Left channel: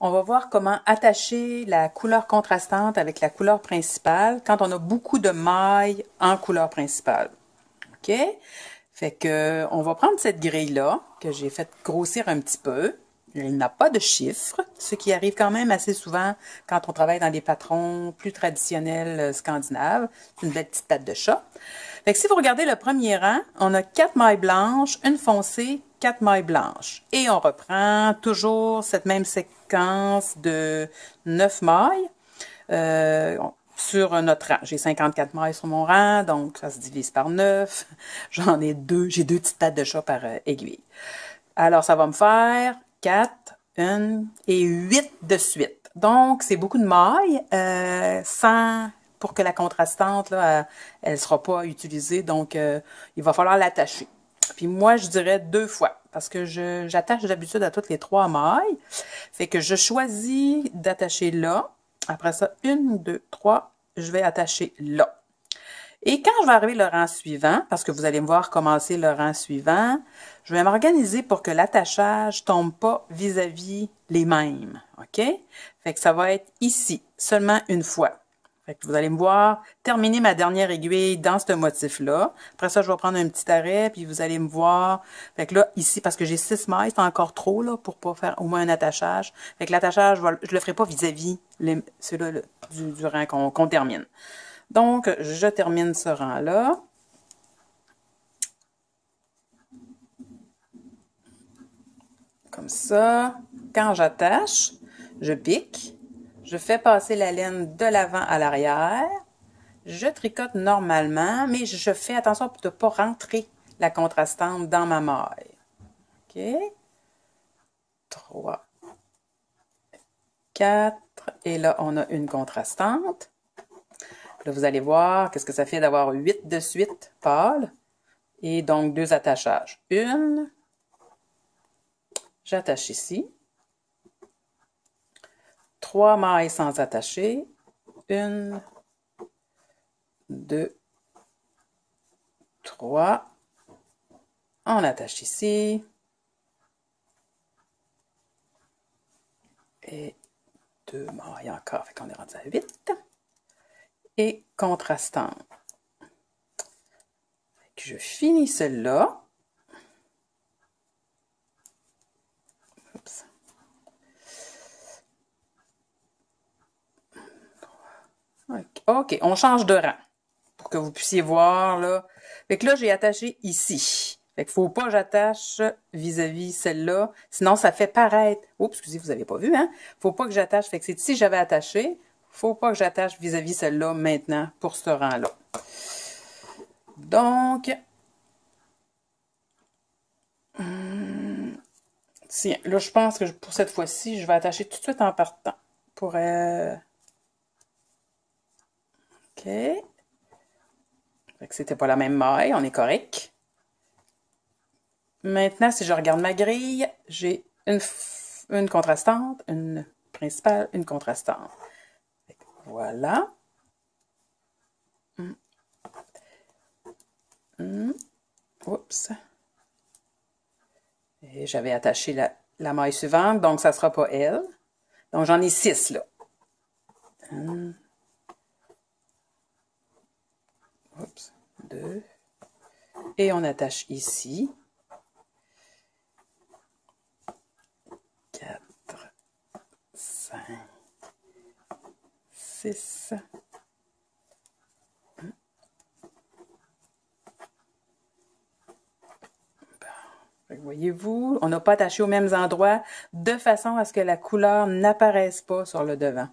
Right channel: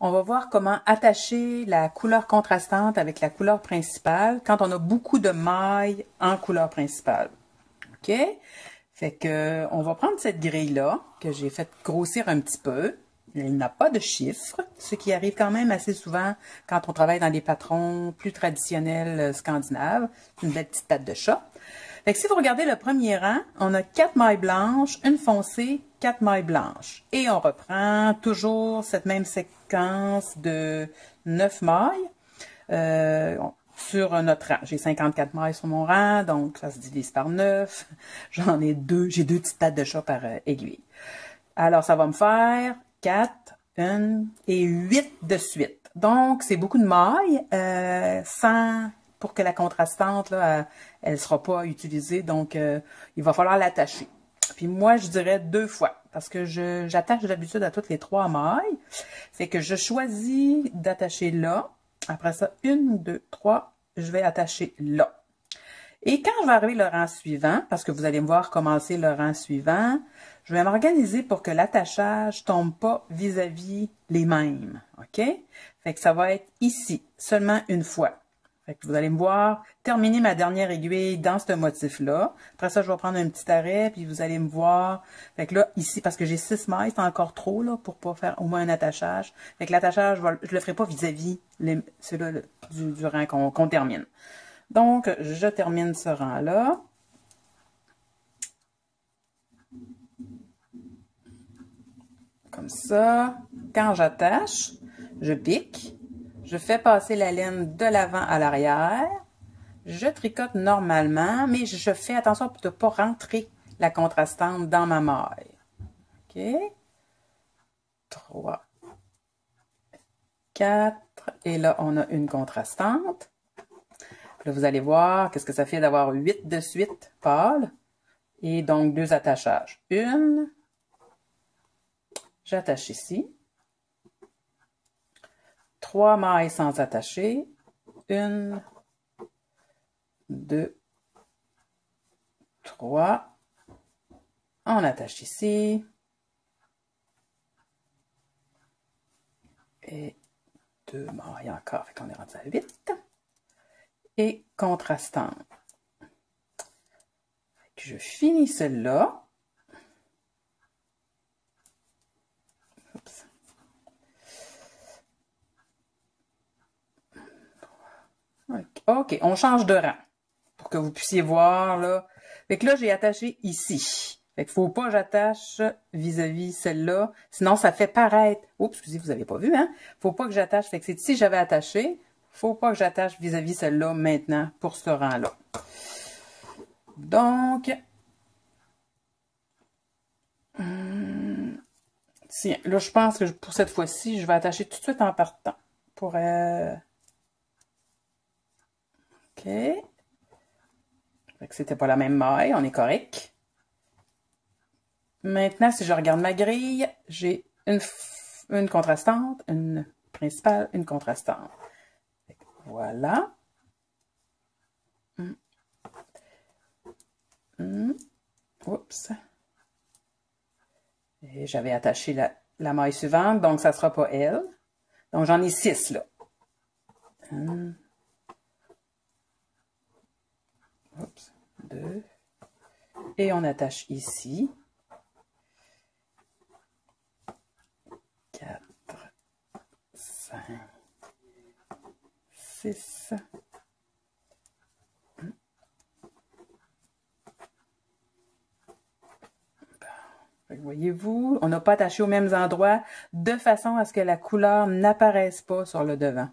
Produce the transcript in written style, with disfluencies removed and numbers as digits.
On va voir comment attacher la couleur contrastante avec la couleur principale quand on a beaucoup de mailles en couleur principale. OK? Fait que, on va prendre cette grille-là, que j'ai fait grossir un petit peu. Il n'a pas de chiffre, ce qui arrive quand même assez souvent quand on travaille dans des patrons plus traditionnels scandinaves. C'est une belle petite patte de chat. Fait que si vous regardez le premier rang, on a 4 mailles blanches, une foncée, 4 mailles blanches. Et on reprend toujours cette même séquence de 9 mailles sur notre rang. J'ai 54 mailles sur mon rang, donc ça se divise par 9. J'en ai deux, j'ai 2 petites pattes de chat par aiguille. Alors, ça va me faire 4, 1 et 8 de suite. Donc, c'est beaucoup de mailles, pour que la contrastante, là, elle ne sera pas utilisée. Donc, il va falloir l'attacher. Puis moi, je dirais 2 fois, parce que j'attache d'habitude à toutes les 3 mailles. Fait que je choisis d'attacher là. Après ça, 1, 2, 3, je vais attacher là. Et quand je vais arriver le rang suivant, parce que vous allez me voir commencer le rang suivant, je vais m'organiser pour que l'attachage tombe pas vis-à-vis les mêmes, OK? Fait que ça va être ici, seulement une fois. Fait que vous allez me voir terminer ma dernière aiguille dans ce motif-là. Après ça, je vais prendre un petit arrêt, puis vous allez me voir. Fait que là, ici, parce que j'ai 6 mailles, c'est encore trop, là, pour pas faire au moins un attachage. Fait que l'attachage, je le ferai pas vis-à-vis ceux-là du rang qu'on termine. Donc, je termine ce rang-là. Comme ça. Quand j'attache, je pique. Je fais passer la laine de l'avant à l'arrière. Je tricote normalement, mais je fais attention pour ne pas rentrer la contrastante dans ma maille. OK? 3, 4. Et là, on a une contrastante. Là, vous allez voir qu'est-ce que ça fait d'avoir 8 de suite pâles. Et donc, 2 attachages. Une. J'attache ici. 3 mailles sans attacher. 1, 2, 3. On attache ici. Et 2 mailles encore. Fait qu'on est rendu à 8. Et contrastant. Je finis celle-là. OK, on change de rang pour que vous puissiez voir, là. Fait que là, j'ai attaché ici. Fait qu'il faut pas que j'attache vis-à-vis celle-là. Sinon, ça fait paraître... Oups, excusez, vous n'avez pas vu, hein? Faut pas que j'attache. Fait que c'est ici j'avais attaché. Faut pas que j'attache vis-à-vis celle-là maintenant pour ce rang-là. Donc... Tiens, là, je pense que pour cette fois-ci, je vais attacher tout de suite en partant. Pour... OK. Fait que c'était pas la même maille, on est correct. Maintenant, si je regarde ma grille, j'ai une contrastante, une principale, une contrastante. Voilà. Oups. Et j'avais attaché la maille suivante, donc ça ne sera pas elle. Donc j'en ai 6 là. Oups. 2. Et on attache ici. 4, 5, 6. Voyez-vous, on n'a pas attaché aux mêmes endroits de façon à ce que la couleur n'apparaisse pas sur le devant.